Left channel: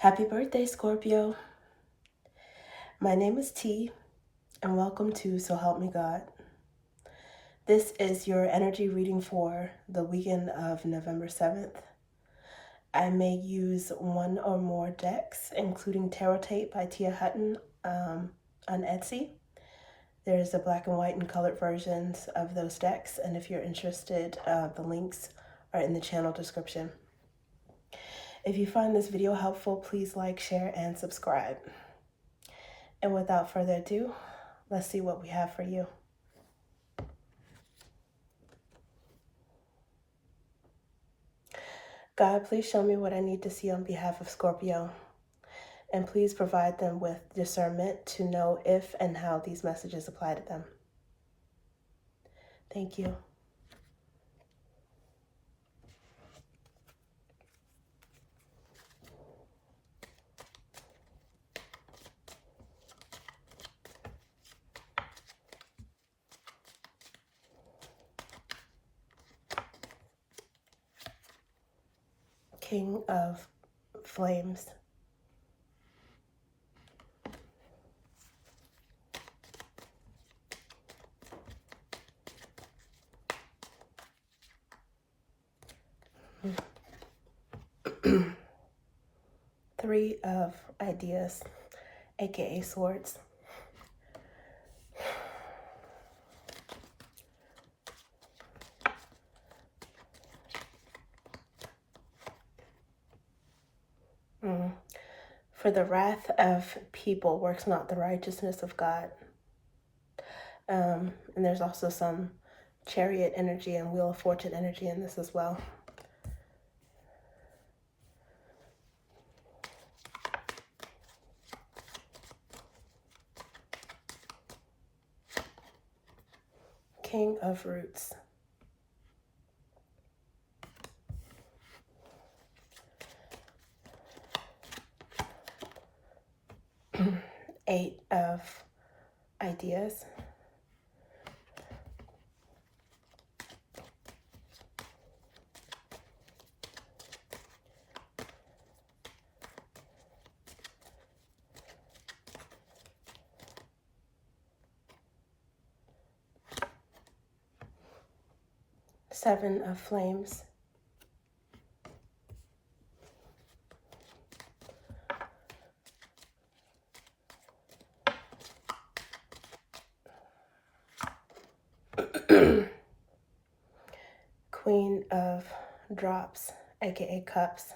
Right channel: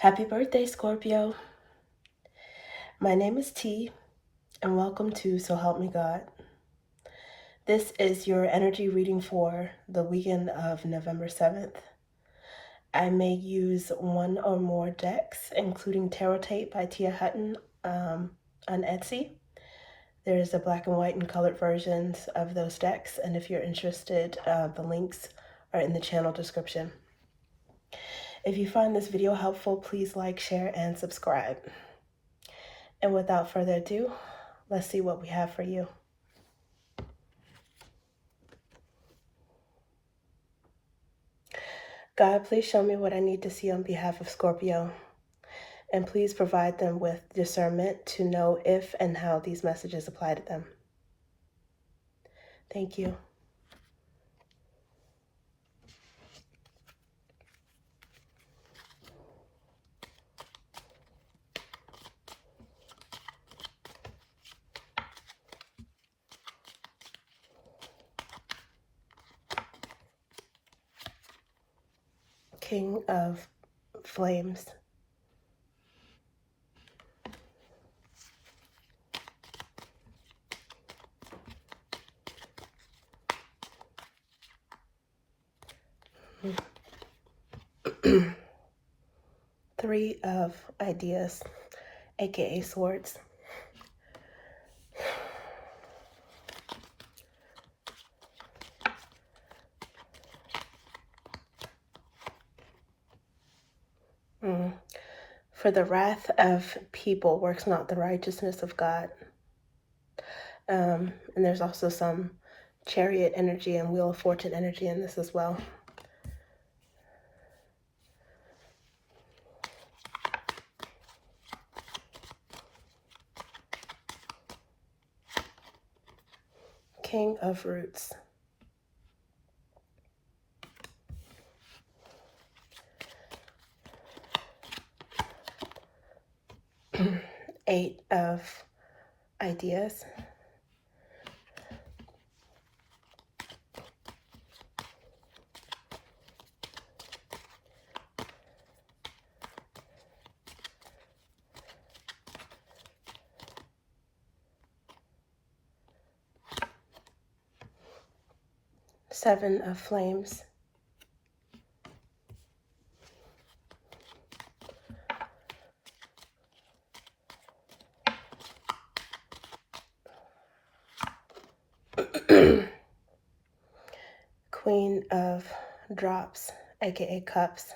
Happy birthday, Scorpio. My name is T, and welcome to So Help Me God. This is your energy reading for the weekend of November 7th. I may use one or more decks, including Tarot Tape by Tia Hutton on Etsy. There's a black and white and colored versions of those decks, and if you're interested, the links are in the channel description. If you find this video helpful, please like, share, and subscribe. And without further ado, let's see what we have for you. God, please show me what I need to see on behalf of Scorpio. And please provide them with discernment to know if and how these messages apply to them. Thank you. King of Flames. Three of Ideas, aka Swords. For the wrath of people works not the righteousness of God. And there's also some Chariot energy and Wheel of Fortune energy in this as well. King of Roots. Eight of Ideas. Seven of Flames. Queen of Drops, aka Cups.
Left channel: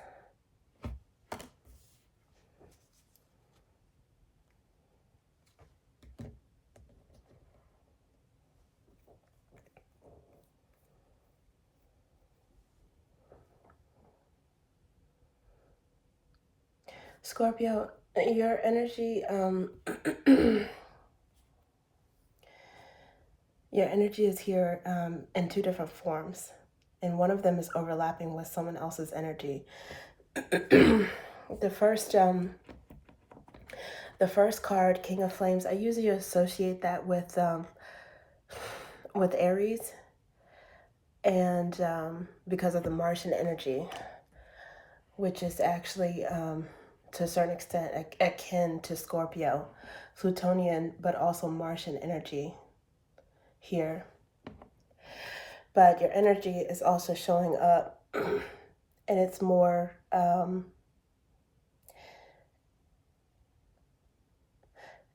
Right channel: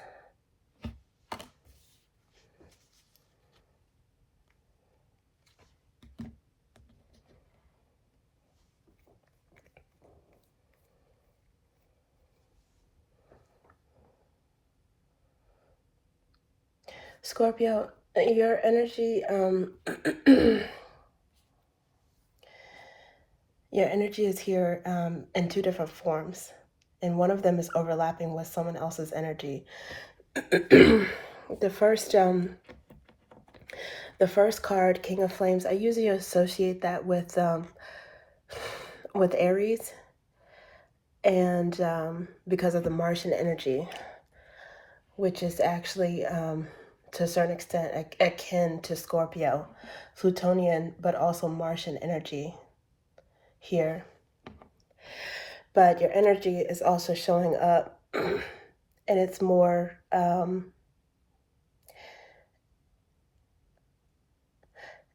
Scorpio, your energy, your energy is here in two different forms, and one of them is overlapping with someone else's energy. The first card, King of Flames, I usually associate that with Aries, and because of the Martian energy, which is actually to a certain extent akin to Scorpio, Plutonian, but also Martian energy here. But your energy is also showing up, and it's more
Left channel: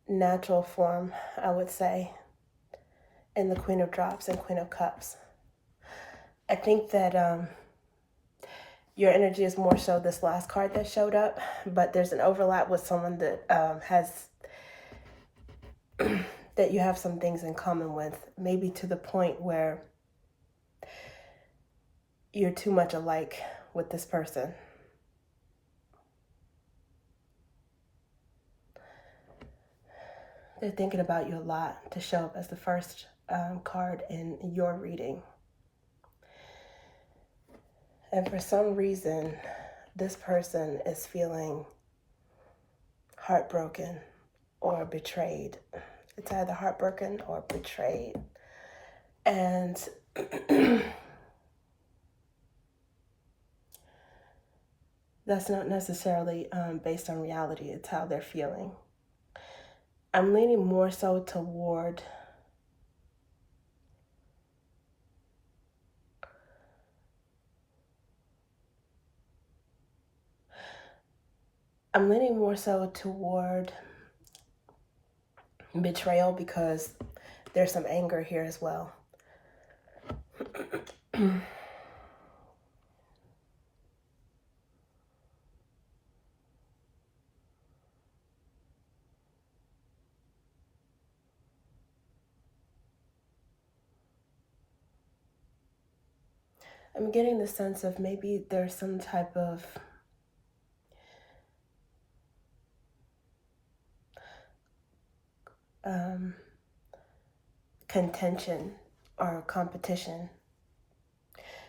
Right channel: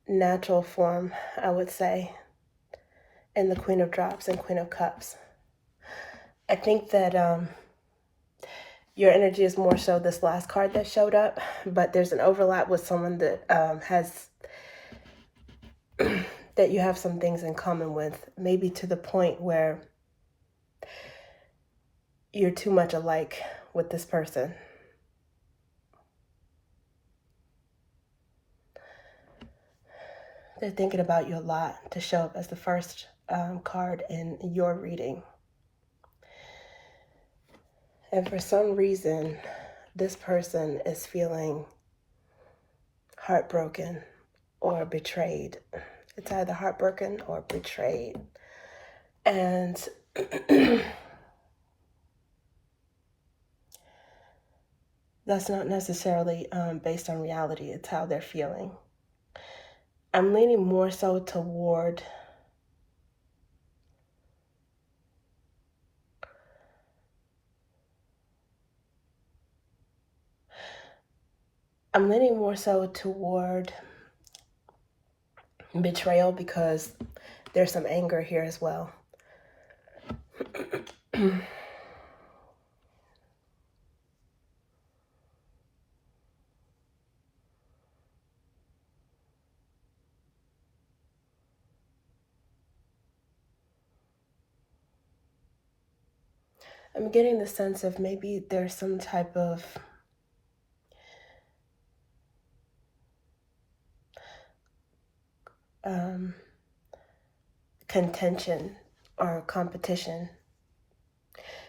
natural form, I would say, in the Queen of Drops and Queen of Cups. I think that your energy is more so this last card that showed up, but there's an overlap with someone that has that you have some things in common with, maybe to the point where you're too much alike with this person. They're thinking about you a lot to show up as the first card in your reading. And for some reason, this person is feeling heartbroken or betrayed. It's either heartbroken or betrayed. And that's not necessarily based on reality. It's how they're feeling. I'm leaning more so toward betrayal, because there's some anger here as well. I'm getting the sense of maybe there's some type of contention or competition.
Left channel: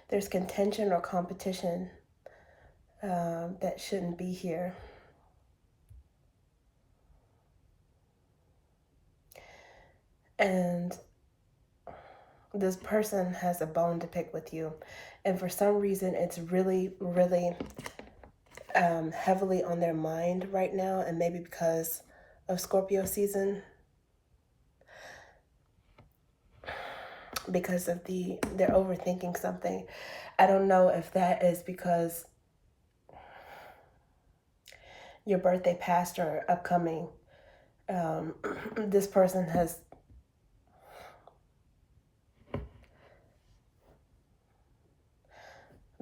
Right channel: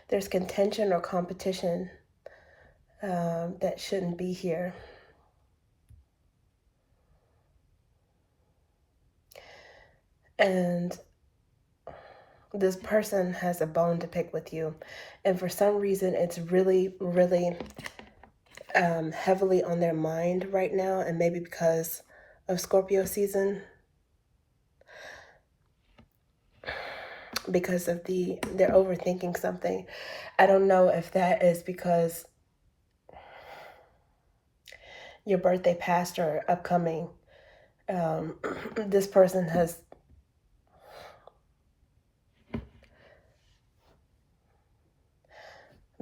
There's contention or competition that shouldn't be here. And this person has a bone to pick with you. And for some reason, it's really, really heavily on their mind right now. And maybe because of Scorpio season, because of they're overthinking something. I don't know if that is because your birthday past or upcoming. This person has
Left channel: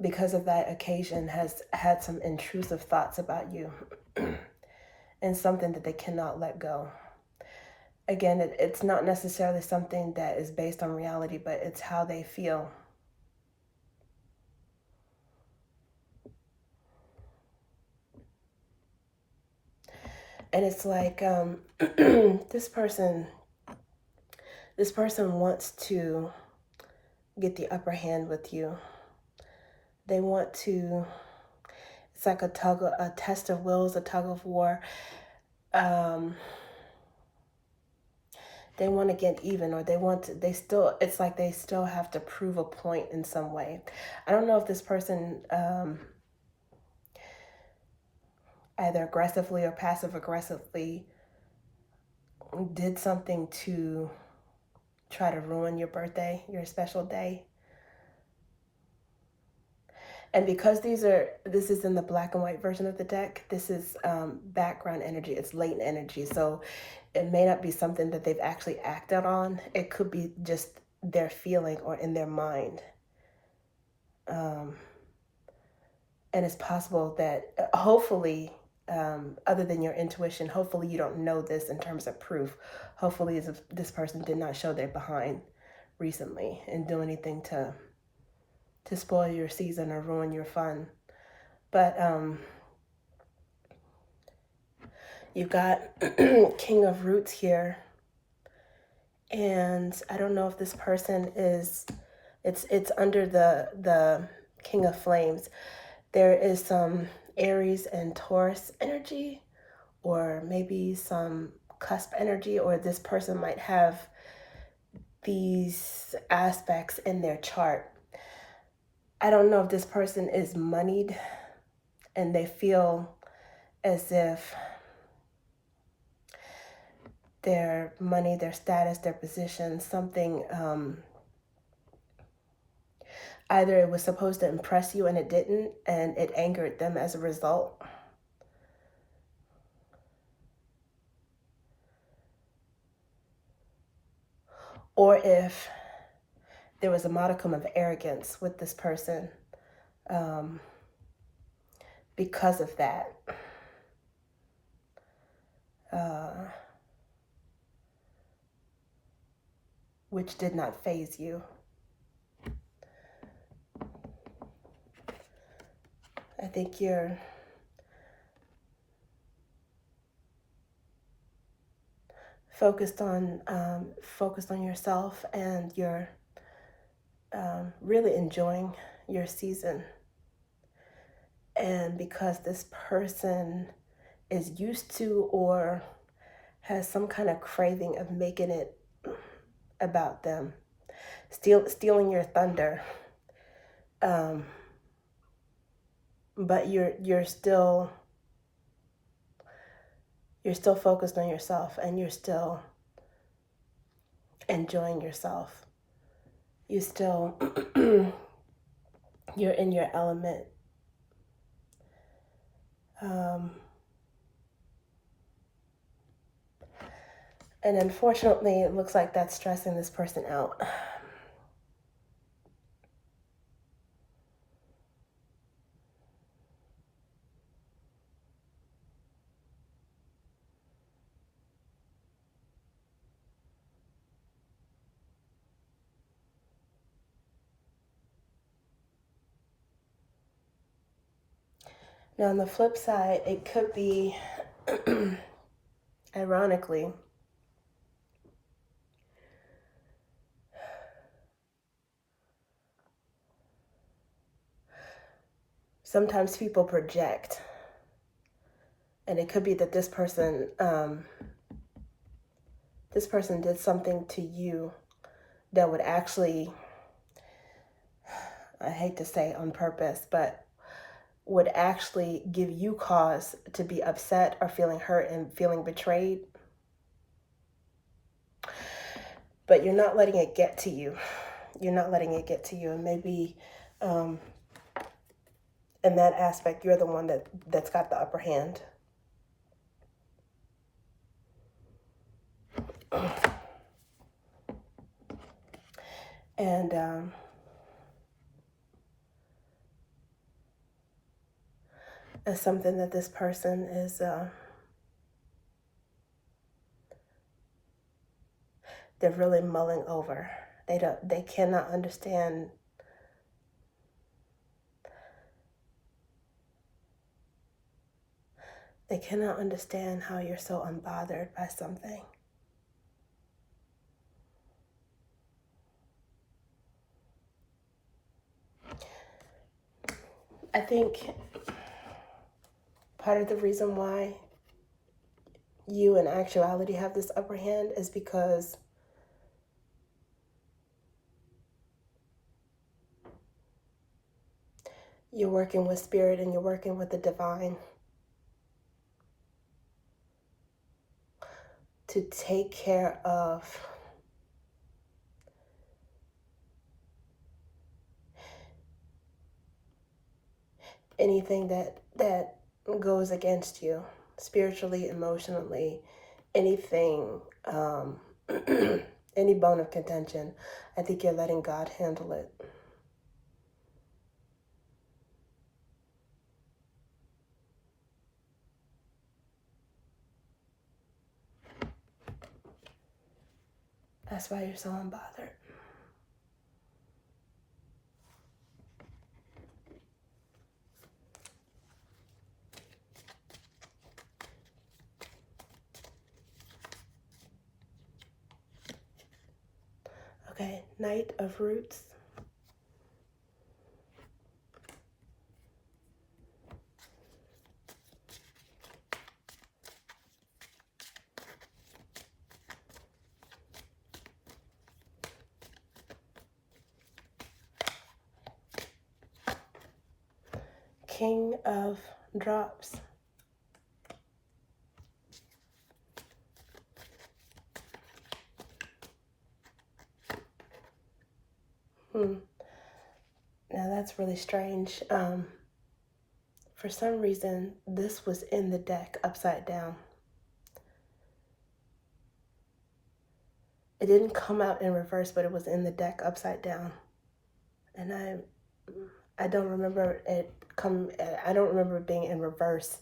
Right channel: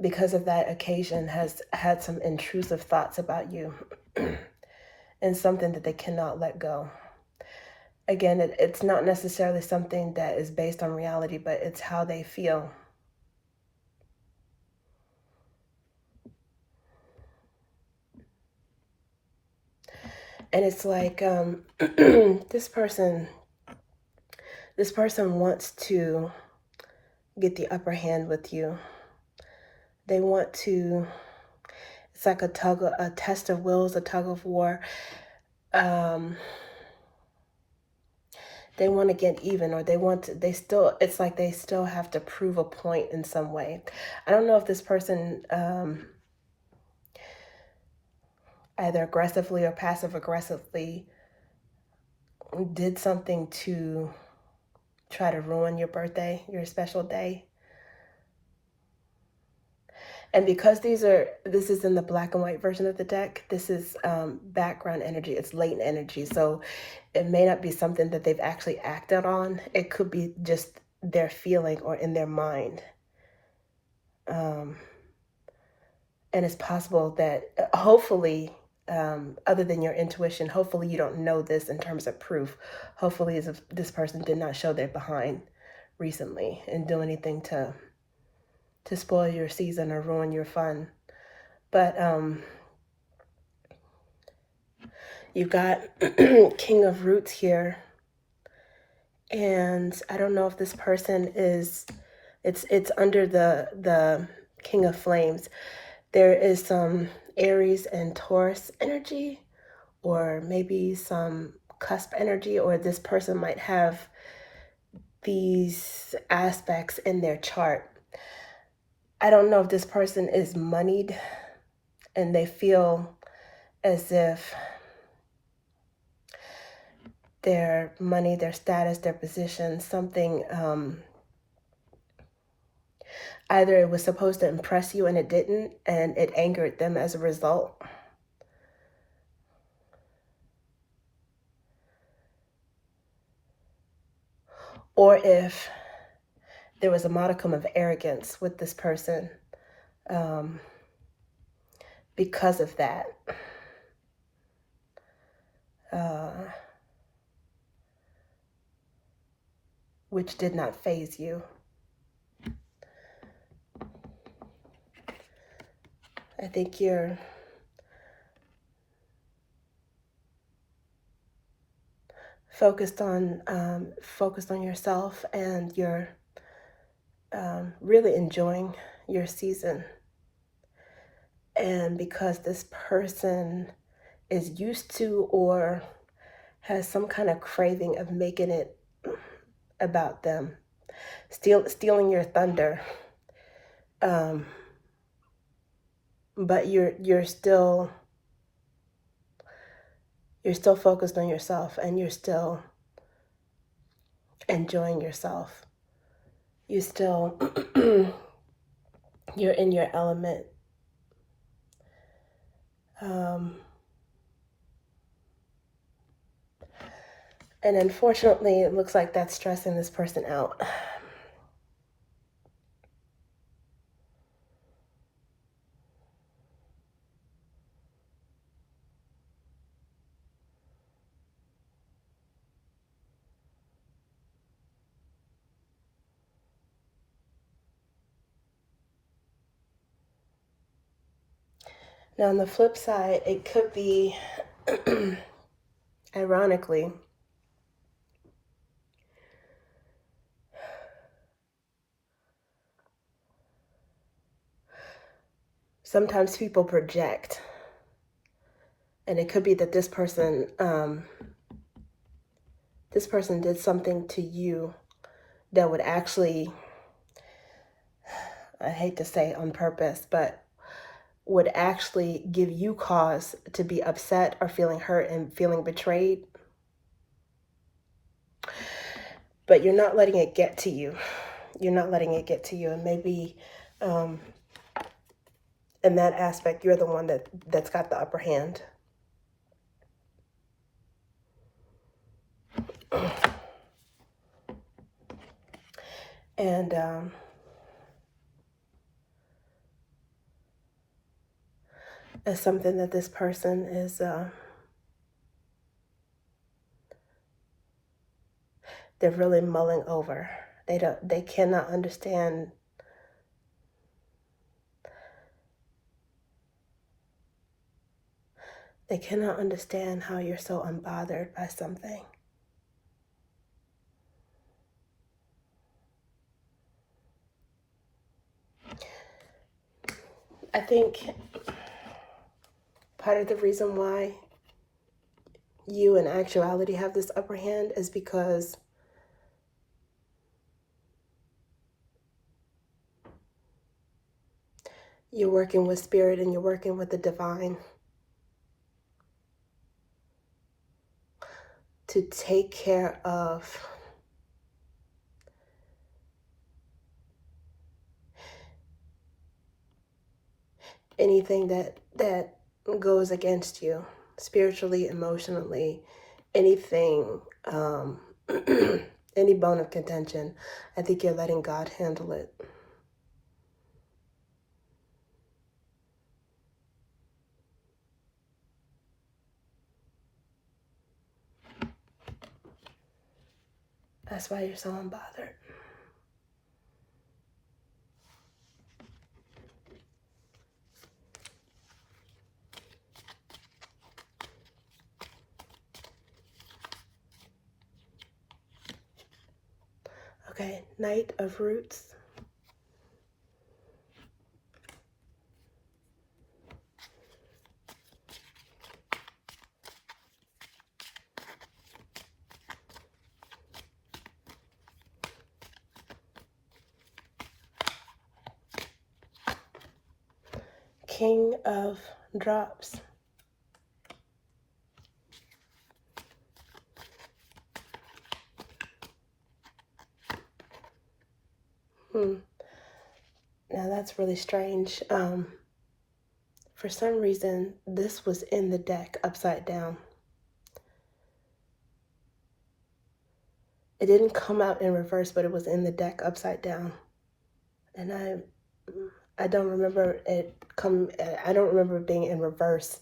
because of that occasion has had some intrusive thoughts about you and something that they cannot let go. Again, it's not necessarily something that is based on reality, but it's how they feel. And it's like this person wants to get the upper hand with you. They want to, it's like a test of wills, a tug of war. They want to get even, or it's like they still have to prove a point in some way. I don't know if this person either aggressively or passive aggressively did something to try to ruin your birthday, your special day. And because this is in the black and white version of the deck, this is background energy, it's latent energy. So it may not be something that they've actually acted on. It could be just their feeling or in their mind. And it's possible that hopefully, other than your intuition, hopefully you don't know this in terms of proof. Hopefully this person did not show their behind recently and do anything to spoil your season or ruin your fun. But you've got King of Roots here. And I don't know if this person is, it's under the King of Flames. There is some Aries and Taurus energy, or maybe some cusp energy, or this person might have these aspects in their chart. I don't know if this person is moneyed and they feel as if their money, their status, their position, something, either it was supposed to impress you and it didn't, and it angered them as a result. Or if there was a modicum of arrogance with this person because of that. Which did not faze you. I think you're focused on yourself, and you're really enjoying your season. And because this person is used to or has some kind of craving of making it about them, stealing your thunder, but you're still focused on yourself, and you're still enjoying yourself. You still you're in your element. And unfortunately, it looks like that's stressing this person out. Now, on the flip side, it could be, ironically, sometimes people project. And it could be that this person did something to you that would actually, I hate to say on purpose, but would actually give you cause to be upset or feeling hurt and feeling betrayed. But you're not letting it get to you. You're not letting it get to you. And maybe in that aspect, you're the one that's got the upper hand. And it's something that this person is they're really mulling over. They cannot understand how you're so unbothered by something. I think part of the reason why you in actuality have this upper hand is because you're working with spirit and you're working with the divine to take care of anything that goes against you spiritually, emotionally, anything, any bone of contention. I think you're letting God handle it. That's why you're so unbothered. Okay, Knight of Roots. King of Drops. Now that's really strange. For some reason, this was in the deck upside down. It didn't come out in reverse, but it was in the deck upside down. And I don't remember it I don't remember it being in reverse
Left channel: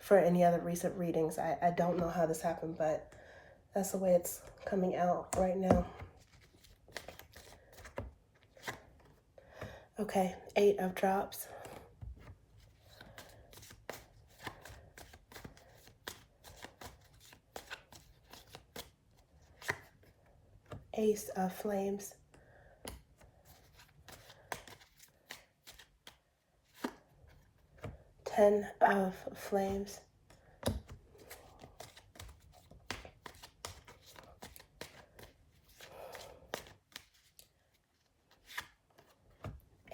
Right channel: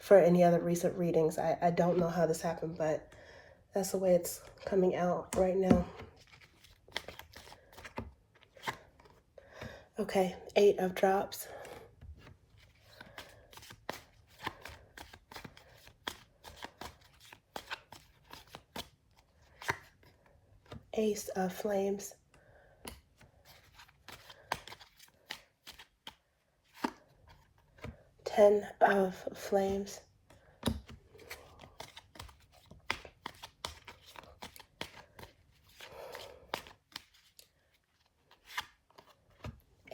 for any other recent readings. I don't know how this happened, but that's the way it's coming out right now. Okay, 8 of Drops. Ace of Flames. Ten of Flames.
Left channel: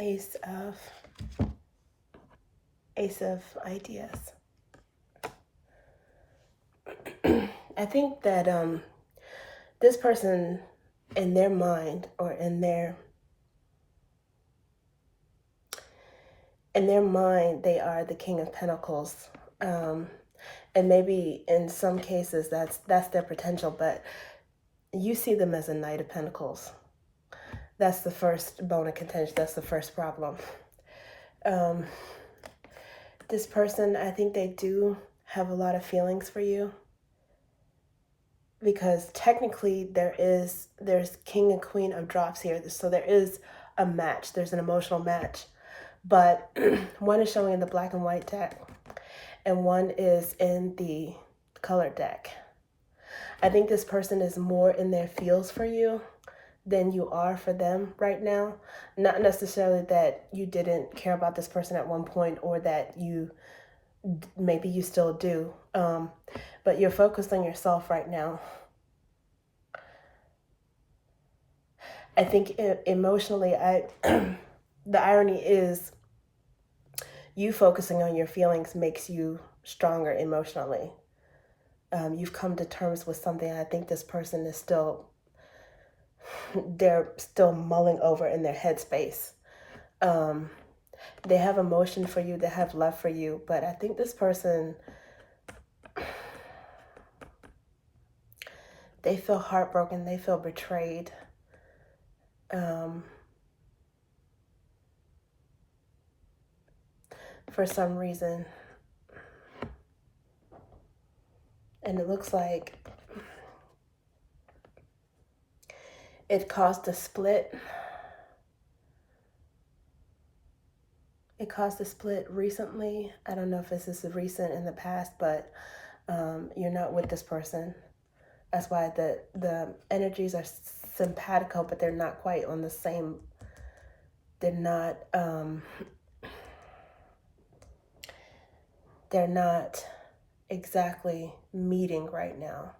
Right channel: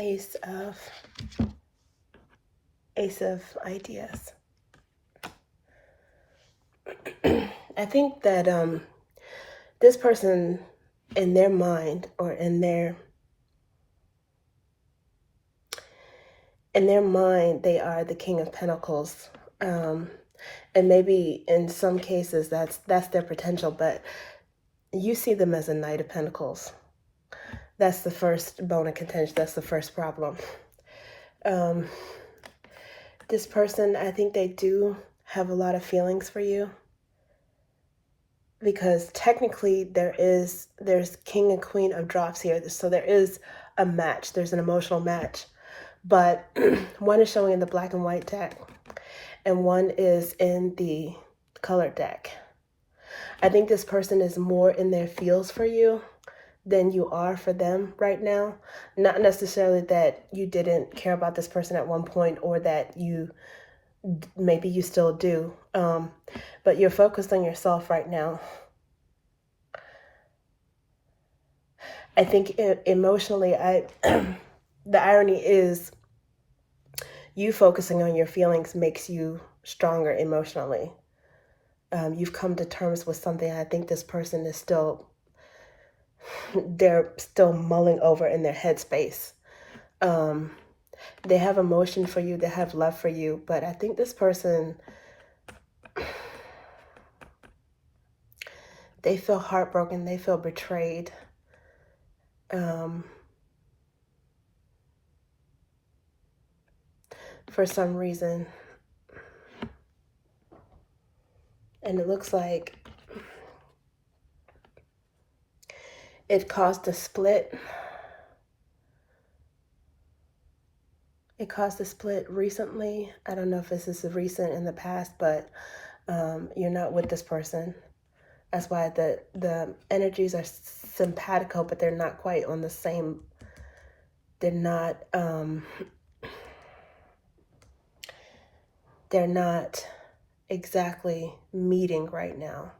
Ace of ideas. I think that this person, in their mind, or in their mind, they are the King of Pentacles. And maybe in some cases that's their potential, but you see them as a Knight of Pentacles. That's the first bone of contention. That's the first problem. This person, I think they do have a lot of feelings for you, because technically there's King and Queen of Drops here. So there is a match. There's an emotional match. But one is showing in the black and white deck, and one is in the colored deck. I think this person is more in their feels for you than you are for them right now. Not necessarily that you didn't care about this person at one point, or that maybe you still do, but you're focused on yourself right now. I think emotionally, the irony is you focusing on your feelings makes you stronger emotionally. You've come to terms with something. I think this person is they're still mulling over in their headspace. They have emotion for you, they have love for you, but I think this person, they feel heartbroken, they feel betrayed. For some reason. And it looks like it caused a split. It caused a split recently. I don't know if this is recent in the past, but you're not with this person. That's why the energies are simpatico, but they're not quite on the same. They're not exactly meeting right now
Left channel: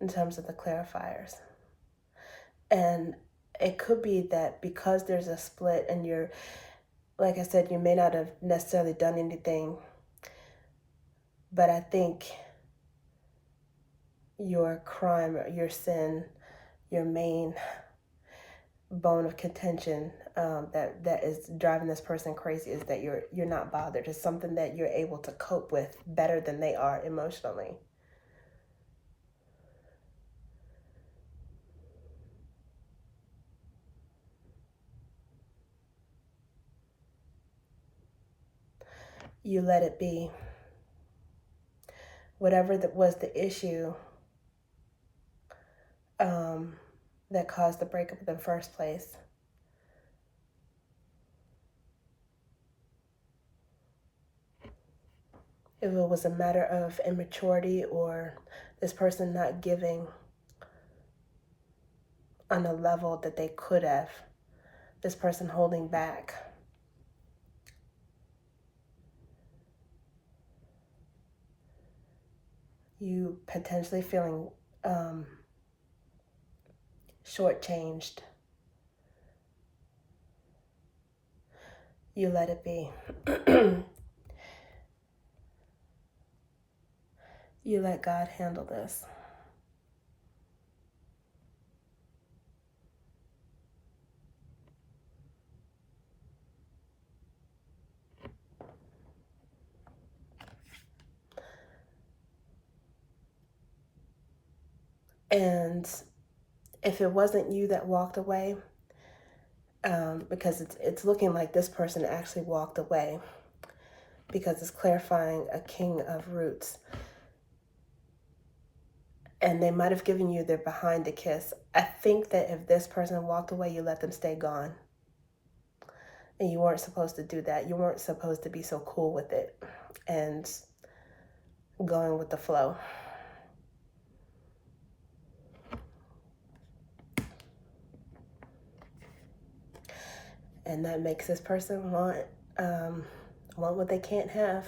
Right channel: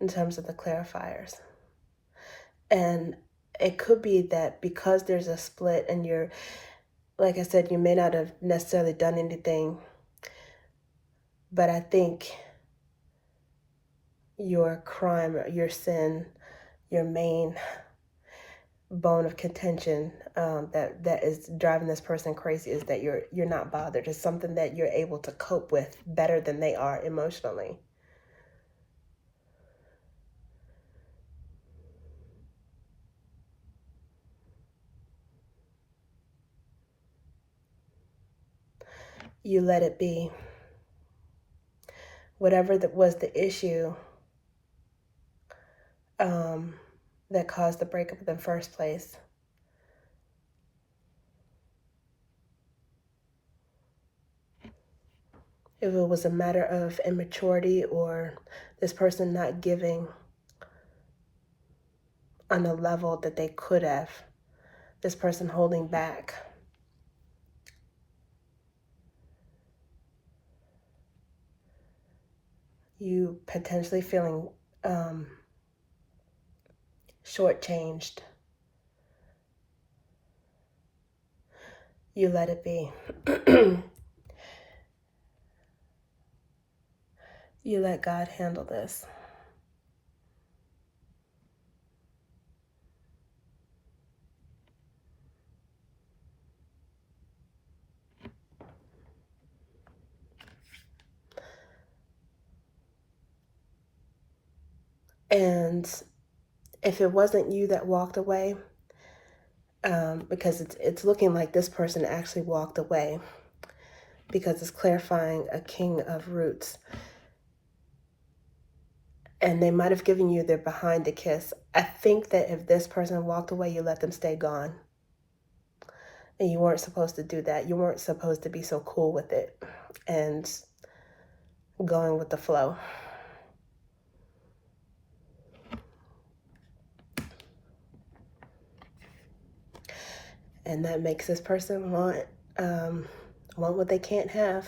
in terms of the clarifiers. And it could be that because there's a split and you're, like I said, you may not have necessarily done anything, but I think your crime, your sin, your main bone of contention that is driving this person crazy is that you're not bothered. It's something that you're able to cope with better than they are emotionally. You let it be. Whatever was the issue that caused the breakup in the first place, if it was a matter of immaturity or this person not giving on the level that they could have, this person holding back, you potentially feeling shortchanged, you let it be. You let God handle this. And if it wasn't you that walked away, because it's looking like this person actually walked away, because it's clarifying a king of roots. And they might have given you their behind the kiss. I think that if this person walked away, you let them stay gone. And you weren't supposed to do that. You weren't supposed to be so cool with it and going with the flow. And that makes this person want what they can't have.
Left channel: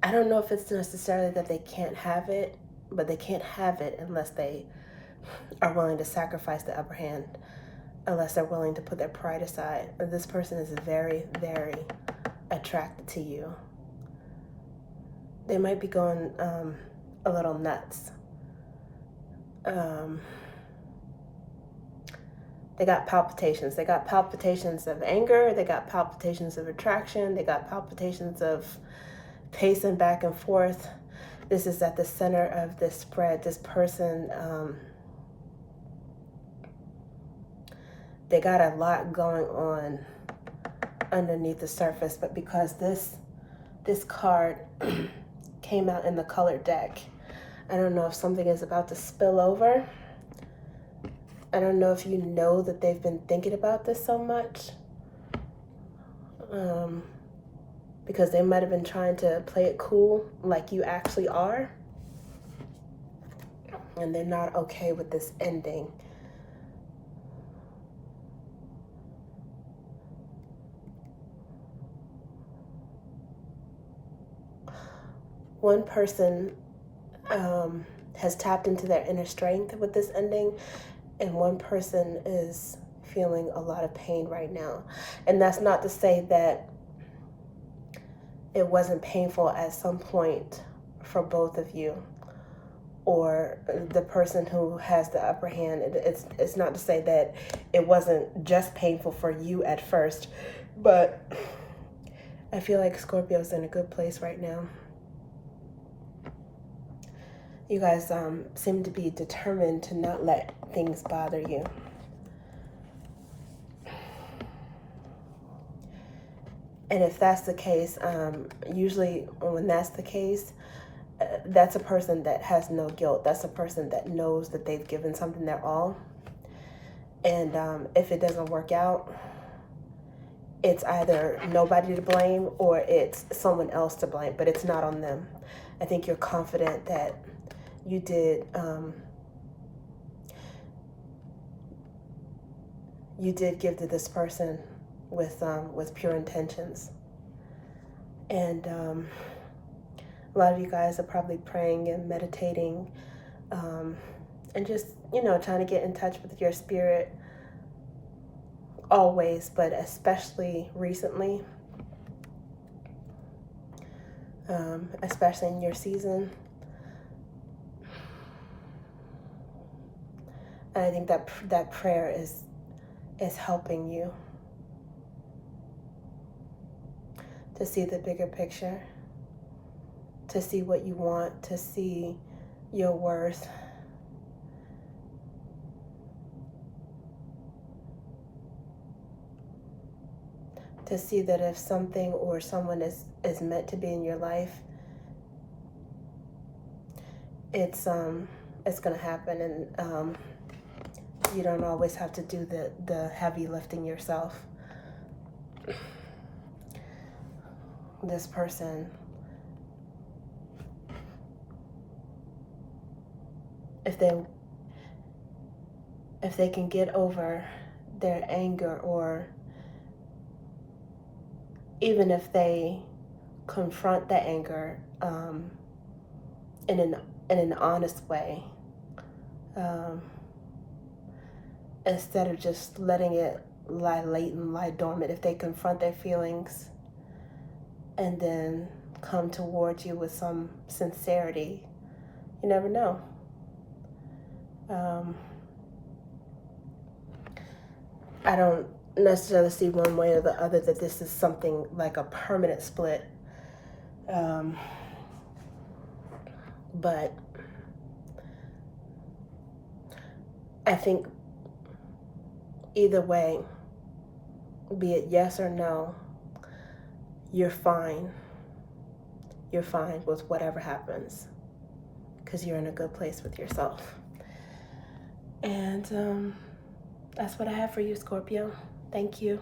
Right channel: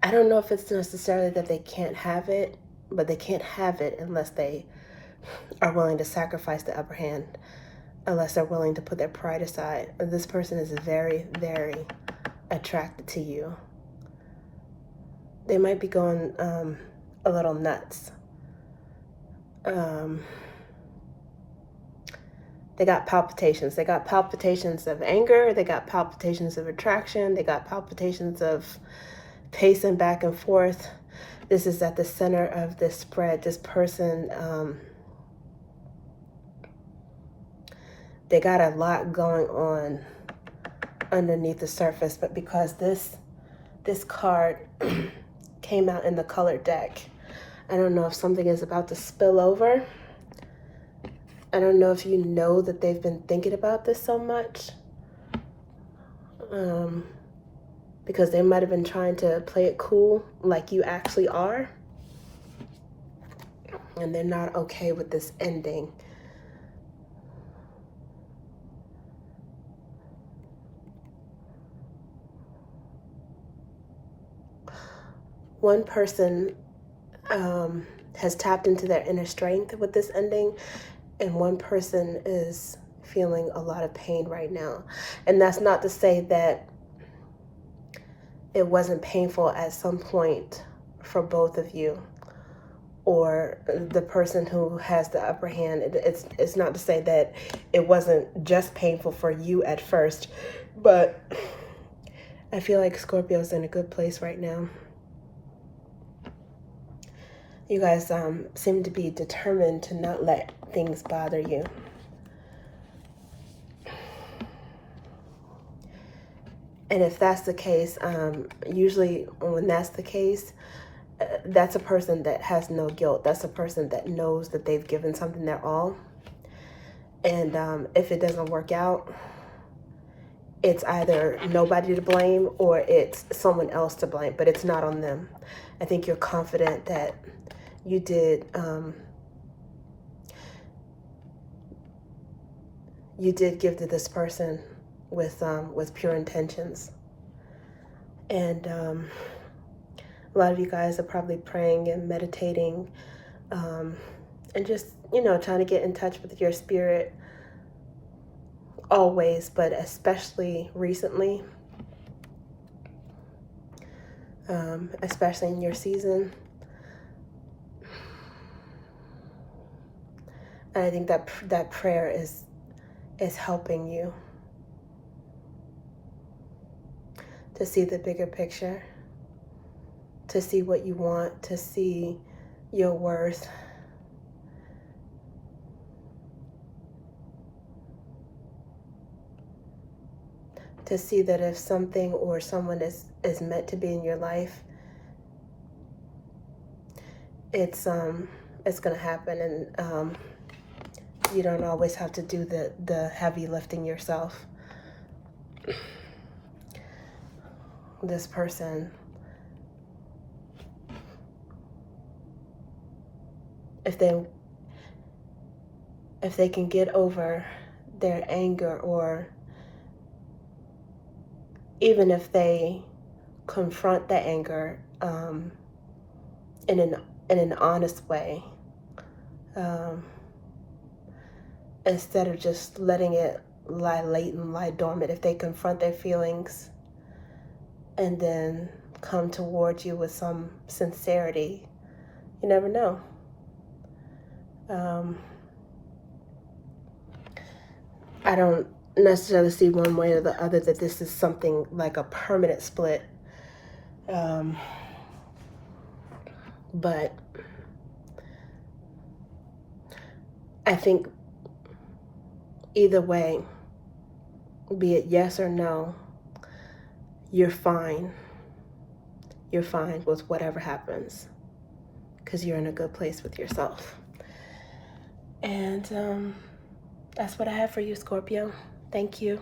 I don't know if it's necessarily that they can't have it. but they can't have it unless they are willing to sacrifice the upper hand, unless they're willing to put their pride aside. This person is very, very attracted to you. They might be going a little nuts. They got palpitations. They got palpitations of anger. They got palpitations of attraction. They got palpitations of pacing back and forth. This is at the center of this spread. This person, they got a lot going on underneath the surface, but because this card came out in the colored deck, I don't know if something is about to spill over. I don't know if you know that they've been thinking about this so much, because they might have been trying to play it cool like you actually are, and they're not okay with this ending. One person has tapped into their inner strength with this ending, and one person is feeling a lot of pain right now. And that's not to say that it wasn't painful at some point for both of you, or the person who has the upper hand. It's not to say that it wasn't just painful for you at first, but I feel like Scorpio's in a good place right now. You guys seem to be determined to not let things bother you. And if that's the case, usually when that's the case, that's a person that has no guilt. That's a person that knows that they've given something their all. And if it doesn't work out, it's either nobody to blame or it's someone else to blame, but it's not on them. I think you're confident that you did give to this person with pure intentions. And a lot of you guys are probably praying and meditating, and just, trying to get in touch with your spirit always, but especially recently, especially in your season. And I think that prayer is helping you to see the bigger picture, to see what you want, to see your worth. To see that if something or someone is meant to be in your life, it's going to happen, and you don't always have to do the heavy lifting yourself. This person, if they can get over their anger, or even if they confront the anger in an honest way, instead of just letting it lie latent, lie dormant, if they confront their feelings and then come towards you with some sincerity, you never know. I don't necessarily see one way or the other that this is something like a permanent split. But I think either way, be it yes or no, you're fine. You're fine with whatever happens, because you're in a good place with yourself. And that's what I have for you, Scorpio. Thank you.